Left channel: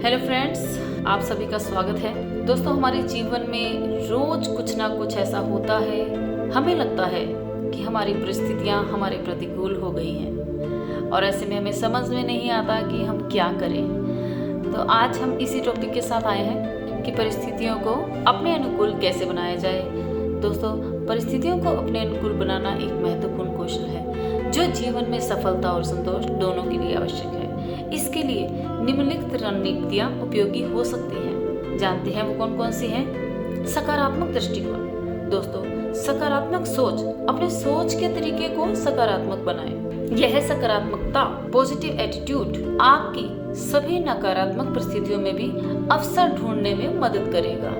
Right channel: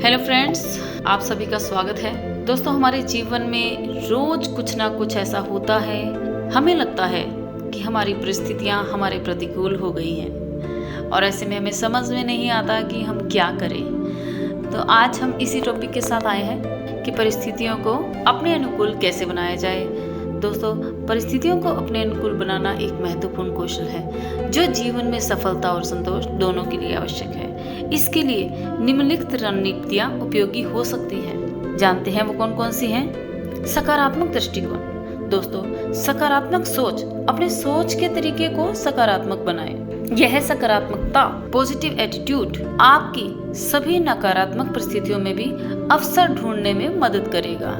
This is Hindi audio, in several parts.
हेलो फ्रेंड्स, आप सभी का स्वागत है। दोस्तों, हमारे जीवन में रोज कुछ ना कुछ ऐसा होता है, हमें लगता है कि हमारी परिस्थितियां हमारे प्रतिकूल हो गई हैं और ऐसे में हमें समझ में नहीं आता कि हम क्या करें। तो आज हम इसी टॉपिक के साथ आए हैं कि परिस्थितियों को अपने अनुकूल कैसे बनाया जाए। दोस्तों, परिस्थितियों को अपने अनुकूल बनाना एक महत्वपूर्ण कौशल है जो जीवन में सफलता और संतोष दोनों के लिए आवश्यक है। इसके लिए निम्नलिखित रणनीतियां उपयोगी हो सकती हैं। जानते हैं वो कौन कौन सी हैं? सकारात्मक दृष्टिकोण। दोस्तों, सकारात्मक सोच, अपने सोच के तरीके को सकारात्मक बनाएं। यह सकारात्मकता, पॉजिटिव एटीट्यूड आपकी सभी नकारात्मक परिस्थितियों में भी अवसर ढूंढने में मदद करेगा।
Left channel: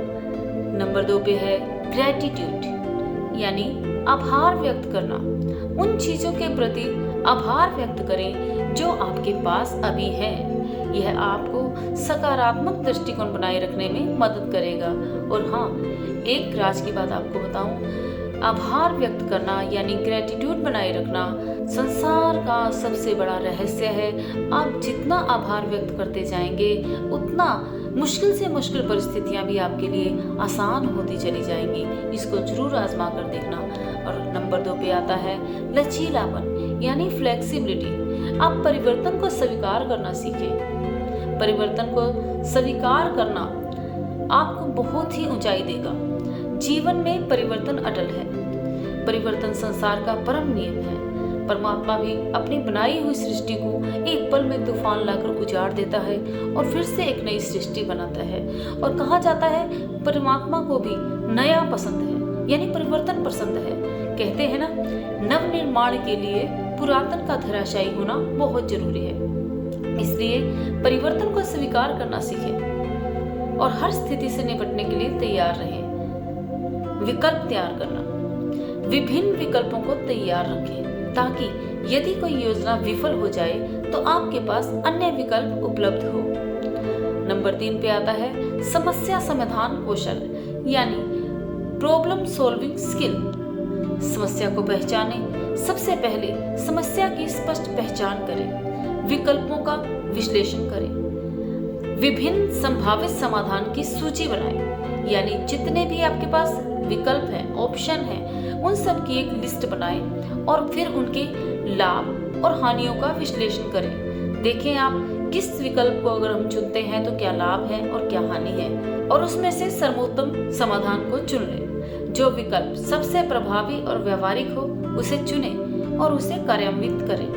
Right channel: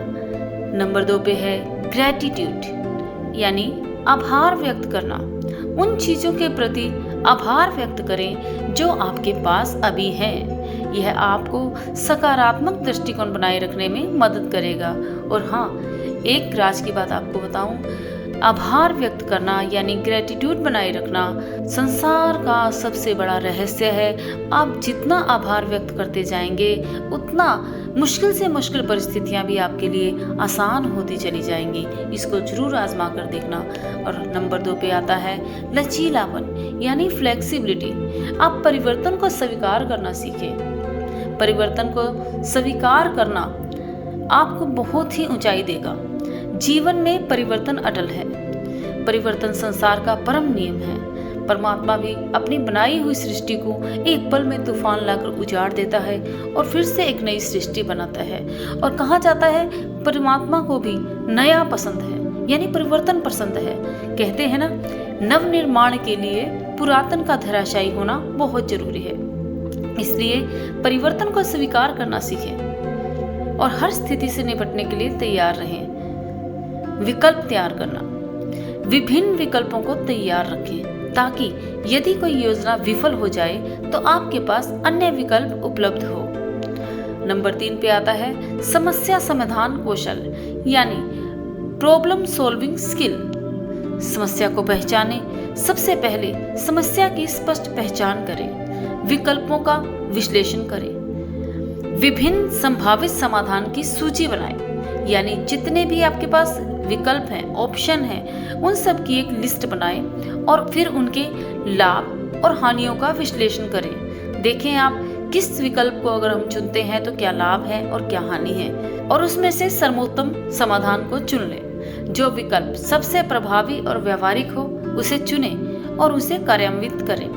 नंबर 2 पे है ग्रेटिट्यूड, यानी आभार व्यक्त करना। उन चीजों के प्रति आभार व्यक्त करें जो आपके पास अभी हैं। यह आपको सकारात्मक दृष्टिकोण बनाए रखने में मदद करेगा। और हाँ, एक राज की बात आपको बताऊं, आभार व्यक्त करना यानी ग्रेटिट्यूड बनाए रखना संसार का सबसे बड़ा रहस्य है। आप जितना आभार व्यक्त करते जाएंगे उतना मुश्किल से मुश्किल परिस्थितियां भी आपके लिए आसान होती चली जाएंगी। इसको जरूर आजमा कर देखना। और नंबर 2 पे आता है लचीलापन, यानी फ्लेक्सिबिलिटी। आप परिवर्तन को स्वीकार करना सीखें। परिवर्तन को स्वीकार करना आपको बहुत ही ऊंचाई देगा। जीवन में परिवर्तन अटल है। परिवर्तन संसार का परम नियम है। परमात्मा भी अपनी बनाई हुई सृष्टि को एक पल में तूफान लाकर उजाड़ देता है और फिर से एक नई सृष्टि बनाता है। और कहा जाता है परमात्मा को भी नया पसंद है, यानी परिवर्तन पसंद है। कहते हैं ना, नव निर्माण के लिए पुरातन का धराशायी होना बहुत जरूरी है। इसलिए परिवर्तन को स्वीकार करना सीखें और हर स्थिति से निपटने के लिए तैयार रहें। विकल्प तैयार करना, विभिन्न विकल्पों को तैयार रखें ताकि यदि कोई योजना विफल हो जाए तो आपके पास अन्य विकल्प उपलब्ध हो। नंबर 3 पे आता है समस्या समाधान कौशल, यानी प्रॉब्लम सॉल्विंग स्किल। समस्या को पहचानें। सबसे पहले समस्या की स्पष्ट पहचान करें, विकल्पों का विश्लेषण करें, विभिन्न संभावित समाधान की सूची बनाएं, यानी जितने भी आपके पास विकल्प हैं, ऑप्शन हैं, उन सब की एक लिस्ट बनाएं और फिर उनके लाभ और हानियों का विश्लेषण करें। देखें आप किस विकल्प को अगर हम चुनते हैं तो क्या लाभ है और क्या हानि है, और उसमें से सर्वोत्तम समाधान को चुन लें। जो विकल्प सबसे प्रभावी और व्यवहारिक हो उसे चुनें और उसे कार्यान्वित करें।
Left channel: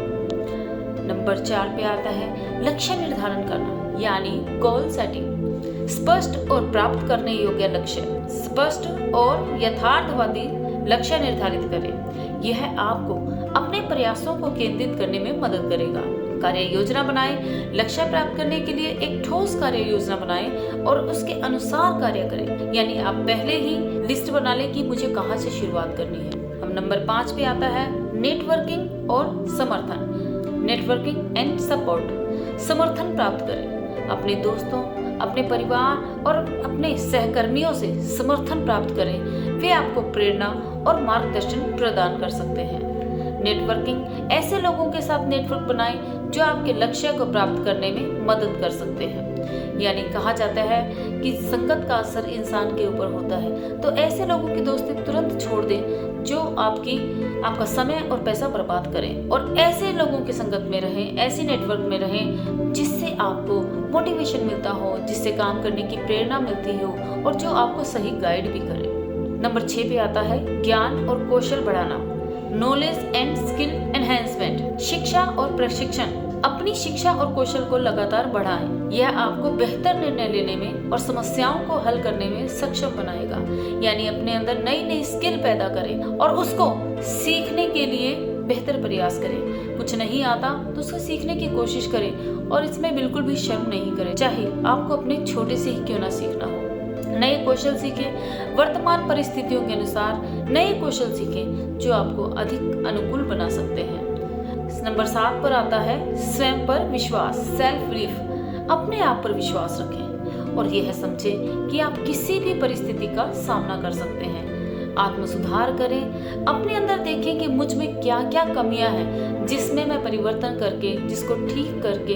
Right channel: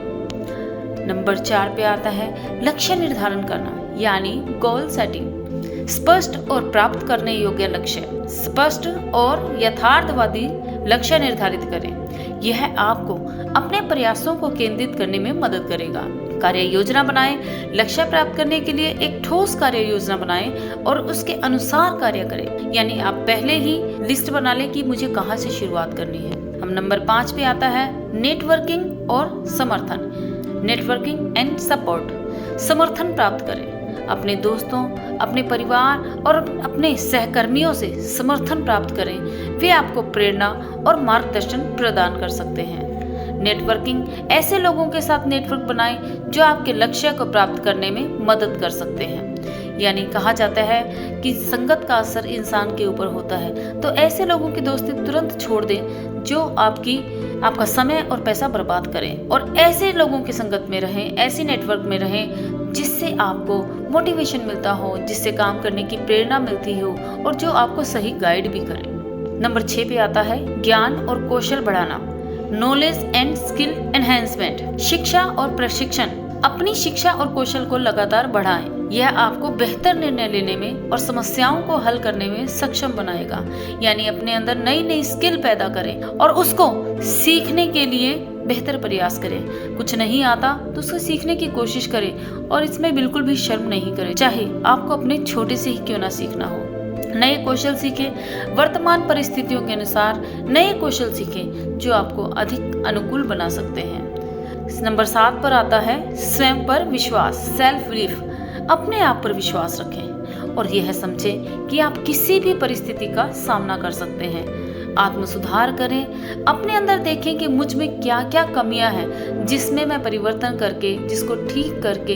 नंबर 4 पे आता है लक्ष्य निर्धारण करना, यानी गोल सेटिंग। स्पष्ट और प्राप्त करने योग्य लक्ष्य, स्पष्ट और यथार्थवादी लक्ष्य निर्धारित करें। यह आपको अपने प्रयासों को केंद्रित करने में मदद करेगा। कार्य योजना बनाएं। लक्ष्य प्राप्त करने के लिए एक ठोस कार्य योजना बनाएं और उसके अनुसार कार्य करें, यानी आप पहले ही लिस्ट बना लें कि मुझे कहां से शुरुआत करनी है। हम नंबर 5 पे आता है नेटवर्किंग और समर्थन, नेटवर्किंग एंड सपोर्ट। समर्थन प्राप्त करें। अपने दोस्तों, अपने परिवार और अपने सहकर्मियों से समर्थन प्राप्त करें। वे आपको प्रेरणा और मार्गदर्शन प्रदान कर सकते हैं। नेटवर्किंग, ऐसे लोगों के साथ नेटवर्क बनाएं जो आपके लक्ष्य को प्राप्त करने में मदद कर सकते हैं। यानी कहा जाता है कि संगत का असर इंसान के ऊपर होता है, तो ऐसे लोगों की दोस्ती तुरंत छोड़ दें जो आपका समय और पैसा बर्बाद करें, और ऐसे लोगों की संगत में रहें, ऐसे नेटवर्क में रहें जिससे आपको मोटिवेशन मिलता हो, जिससे काम करने की प्रेरणा मिलती हो और जो आपको सही गाइड भी करे। नंबर 6 पे आता है ज्ञान और कौशल बढ़ाना, नॉलेज एंड स्किल एनहेंसमेंट। शिक्षा और प्रशिक्षण। अपनी शिक्षा और कौशल को लगातार बढ़ाएं। यह आपको बेहतर निर्णय लेने में और समस्याओं को हल करने में सक्षम बनाएगा। यानी अपने अंदर नई नई स्किल पैदा करें और उसको सीखने के लिए बेहतर प्रयास करें। कुछ नहीं आता तो उसको सीखने की कोशिश करें और इसमें बिल्कुल भी शर्म नहीं करें, चाहे आपको अपने छोटे से ही क्यों ना सीखना हो। नए कौशल सीखें। वर्तमान परिस्थितियों के अनुसार नए कौशल सीखें जो आपको अधिक अनुकूल बना सकते हैं। नंबर 7 पर आता है स्वयं पर विश्वास, सेल्फ बिलीफ। अपने आप पर विश्वास रखें और यह समझें कि आप किसी भी परिस्थिति का सामना कर सकते हैं। आत्म सुधार करें। अपने अंदर देखें कि मुझ में क्या क्या कमियां हैं जिसमें मैं परिवर्तन करके, जिसको ठीक करके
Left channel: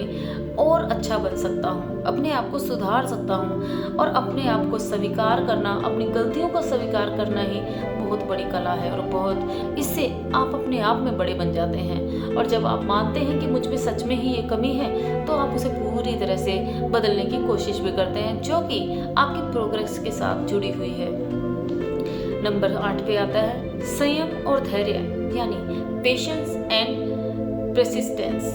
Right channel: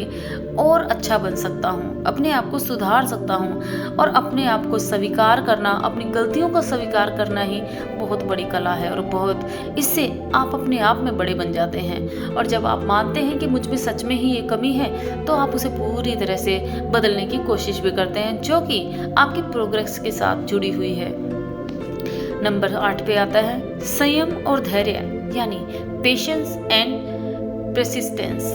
और अच्छा बन सकता हूँ, अपने आप को सुधार सकता हूँ। और अपने आप को स्वीकार करना, अपनी गलतियों को स्वीकार करना ही बहुत बड़ी कला है। और बहुत इससे आप अपने आप में बड़े बन जाते हैं। और जब आप मानते हैं कि मुझ में सच में ही ये कमी है, तो आप उसे पूरी तरह से बदलने की कोशिश भी करते हैं, जो कि आपकी प्रोग्रेस के साथ जुड़ी हुई है। नंबर 8 पे आता है संयम और धैर्य, यानी पेशेंस एंड परसिस्टेंस।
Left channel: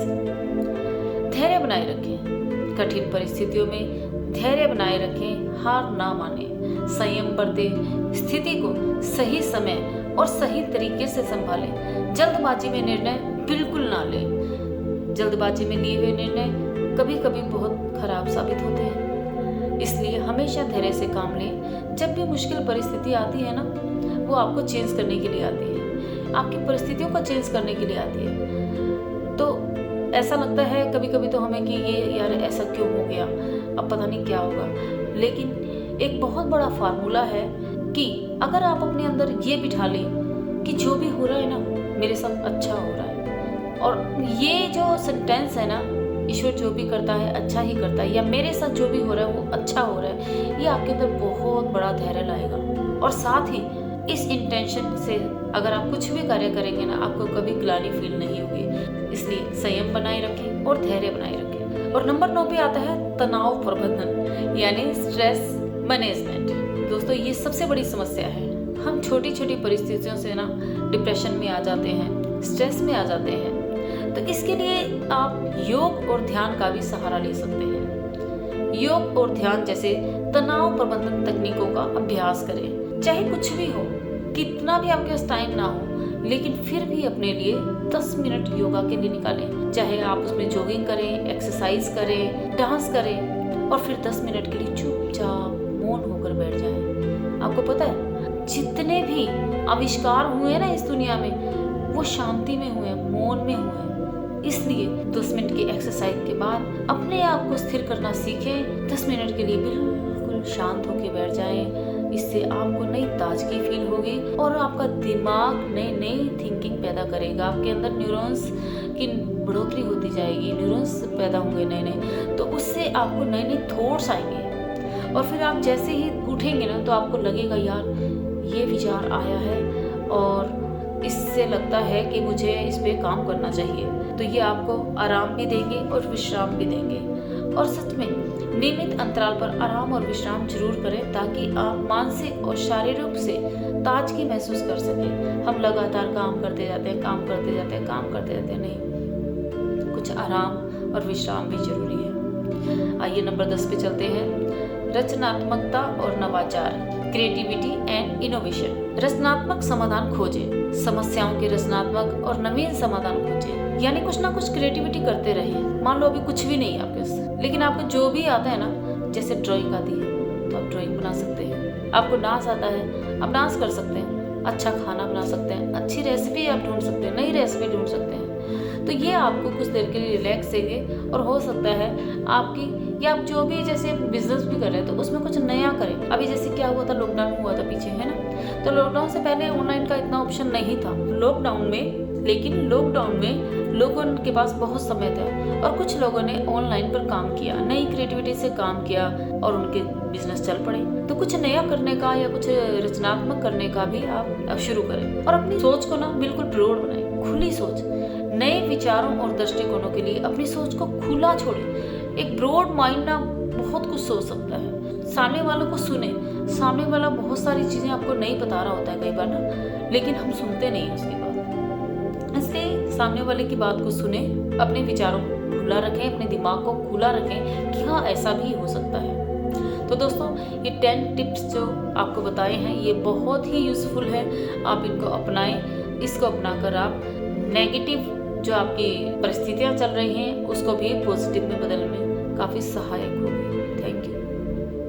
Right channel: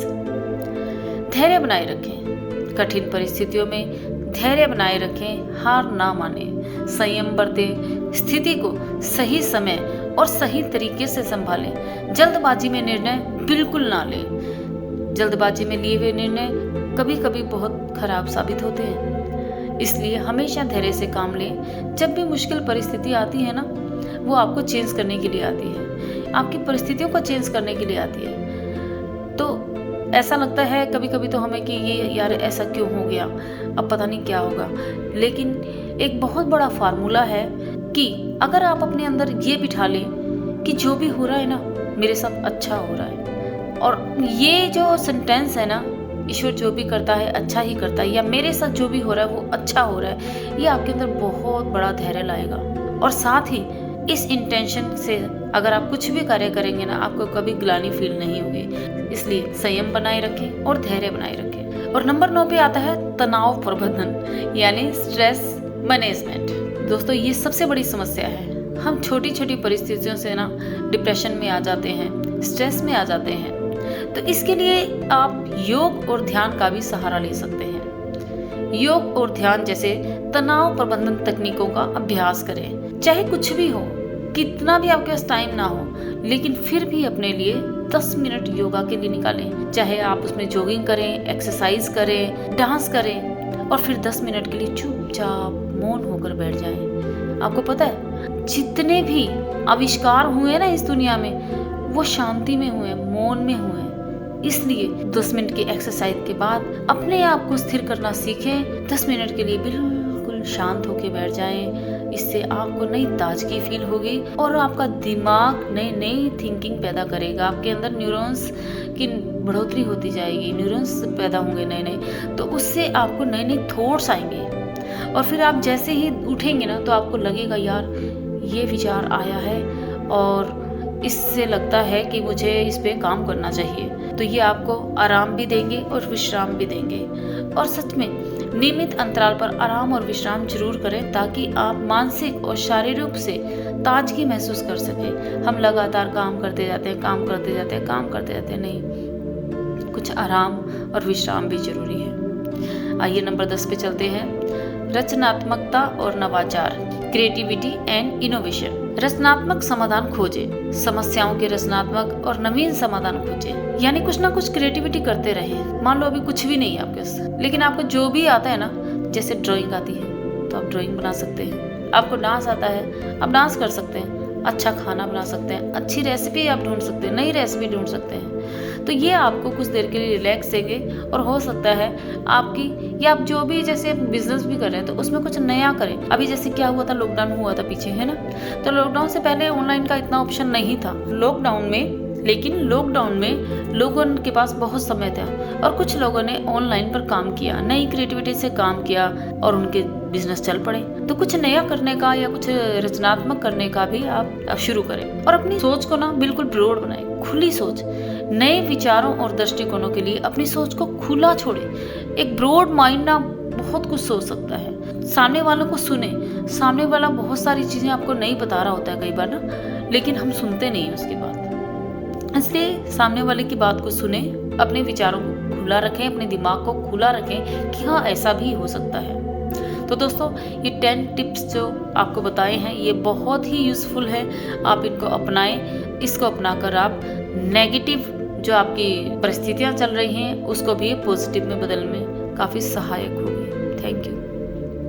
धैर्य बनाए रखें, कठिन परिस्थितियों में धैर्य बनाए रखें, हार ना माने, संयम बरतें, स्थिति को सही समय और सही तरीके से संभालें। जल्दबाजी में निर्णय बिल्कुल ना लें। जल्दबाजी में लिए हुए निर्णय कभी कभी बहुत खराब साबित होते हैं, इसलिए हमेशा धैर्य से काम लें। जब भी मुश्किल परिस्थिति आती है ना, वो आपको चेंज करने के लिए आती है, आपकी परिस्थितियों को चेंज करने के लिए आती है। तो ऐसा लगता है कभी कभी तो हमें कि ये यार ऐसा क्यों हो गया, अब पता नहीं क्या होगा। लेकिन एक बहुत बड़ा फार्मूला है कि अगर आप अपने अंदर ये बिठा लें कि जो भी हो रहा है ना, मेरे साथ अच्छा हो रहा है, और ये जो सेंटेंस है ना, ईश्वर जो भी करता है अच्छा ही करता है, या मेरे साथ जो भी हो रहा है वो अच्छा हो रहा है, ये आपके अंदर बहुत बड़ा धैर्य लाएगा। और साथ ही इस इंटेंशन से अगर आप कुछ भी कार्य करेंगे ना, आपको कभी ग्लानि फील नहीं होगी। इसलिए संयम बनाए रखें और धैर्य बनाए रखें। और नंबर 9 पे आता है तनाव प्रबंधन, यानी स्ट्रेस मैनेजमेंट। दोस्तों, ये सबसे बड़ी समस्या है। हम छोटी छोटी परिस्थितियों से ना डिप्रेशन में आ जाते हैं, स्ट्रेस में आ जाते हैं। तो इसके लिए आप योग और ध्यान का भी सहारा ले सकते हैं। योग और ध्यान जैसे तनाव प्रबंधन तकनीकों का अभ्यास करें। चाहे कुछ भी हो, कितना भी आपके पास टाइम ना हो, लेकिन फिर भी अपने लिए 10 मिनट योगा के लिए निकालें। चाहे आप उसमें जॉगिंग करें, एक्सरसाइज करें, डांस करें, और फिर 10 मिनट के लिए चुपचाप मौन होकर बैठ जाएं। आपको पता है, जितने भी आविष्कार हुए ना इस दुनिया में, वो शांति में हुए, मौन में हुए। इसलिए 10 मिनट की एक्सरसाइज के बाद अपने आप को स्थिर करना सीखें। 10 मिनट के लिए बिल्कुल शांत होकर बैठ जाएं। इससे आपको नई ताजगी फील होगी और आपका दिमाग नई नई थिंकिंग पैदा करेगा। आपके अंदर न्यूरॉन्स की बढ़ोतरी होती जाएगी, न्यूरॉन्स पैदा होंगे नए नए, तो उससे आपको नए नए थॉट्स आएंगे। और फिर आप जैसे ही उठेंगे ना, तो आपको लगेगा यार ये विचार आया है और इससे लगता है कि मुझे इस पे काम करना चाहिए। तो ये आपको आराम भी देंगे और विश्राम भी देंगे। और सच में नियमित अंतराल पर आराम और विश्राम जरूर करें, ताकि आप मानसिक और शारीरिक रूप से ताजगी महसूस कर सकें। हम लगातार काम करते जाते हैं, काम करते जाते हैं, काम करते जाते हैं, नहीं, कुछ आराम और विश्राम भी जरूरी है। आइए नंबर 10 पे चलते हैं, रचनात्मकता और नवाचार, क्रिएटिविटी एंड इनोवेशन। रचनात्मक समाधान खोजें, समस्याओं के रचनात्मक और नवीन समाधान खोजें, यानी कुछ ना कुछ क्रिएटिविटी करते रहें। मान लो अभी कुछ भी नहीं है आपके पास, लेकिन आपको जो भी आता है ना, जैसे ड्राइंग आती है तो आप ड्राइंग बना सकते हैं, आपको डांस आता है आप डांस कर सकते हैं, अच्छा खाना बना सकते हैं, अच्छी रेसिपी आप ढूंढ सकते हैं, नई रेसिपी ढूंढ सकते हैं। तो ये आपको कुछ देर के लिए रिलैक्स देंगे। और हो सकता है आपकी, या आप जो भी जैसे बिजनेस भी कर रहे हैं तो उसमें कुछ नया करें। अभी जैसे क्या हुआ था, लॉकडाउन हुआ था पीछे, है ना, तो लॉकडाउन से पहले ऑनलाइन का इतना ऑप्शन नहीं था लॉकडाउन में, लेकिन लॉकडाउन में लोगों के पास बहुत समय था और कुछ लोगों ने ऑनलाइन पर काम किया, नई क्रिएटिविटी से काम किया और उनके बिजनेस चल पड़े। तो कुछ नया करने का या कुछ रचनात्मक करने का भी आप शुरू करें और अपनी सोच को ना बिल्कुल ब्रॉड बनाएं, खुली सोच, नए विचारों और दृष्टिकोणों के लिए अपनी सोच को खुला छोड़ें। एक ब्रॉड माइंड ना बहुत कुछ सोच सकता है। सामने वालों को सुने, सामने वाला बहुत सारी चीजें आपको नहीं बता रहा होता है कई बार ना, लेकिन हम सुनते नहीं हैं उसकी बात। इसलिए सामने वाले की बात को सुने, अपने विचारों को खुला रखें, अपने दिमाग को खुला रखें कि हाँ ऐसा भी हो सकता है। तो दोस्तों, ये 10 टिप्स जो आपको बताए हैं ये बहुत ही यूज़फुल है, आप इनको अपनाएं। इसको अपनाकर आप नेगेटिव जो आपकी परिस्थितियाँ चल रही हैं उसको भी पॉजिटिव में बदलने में काफ़ी सहायक होगी। Thank you.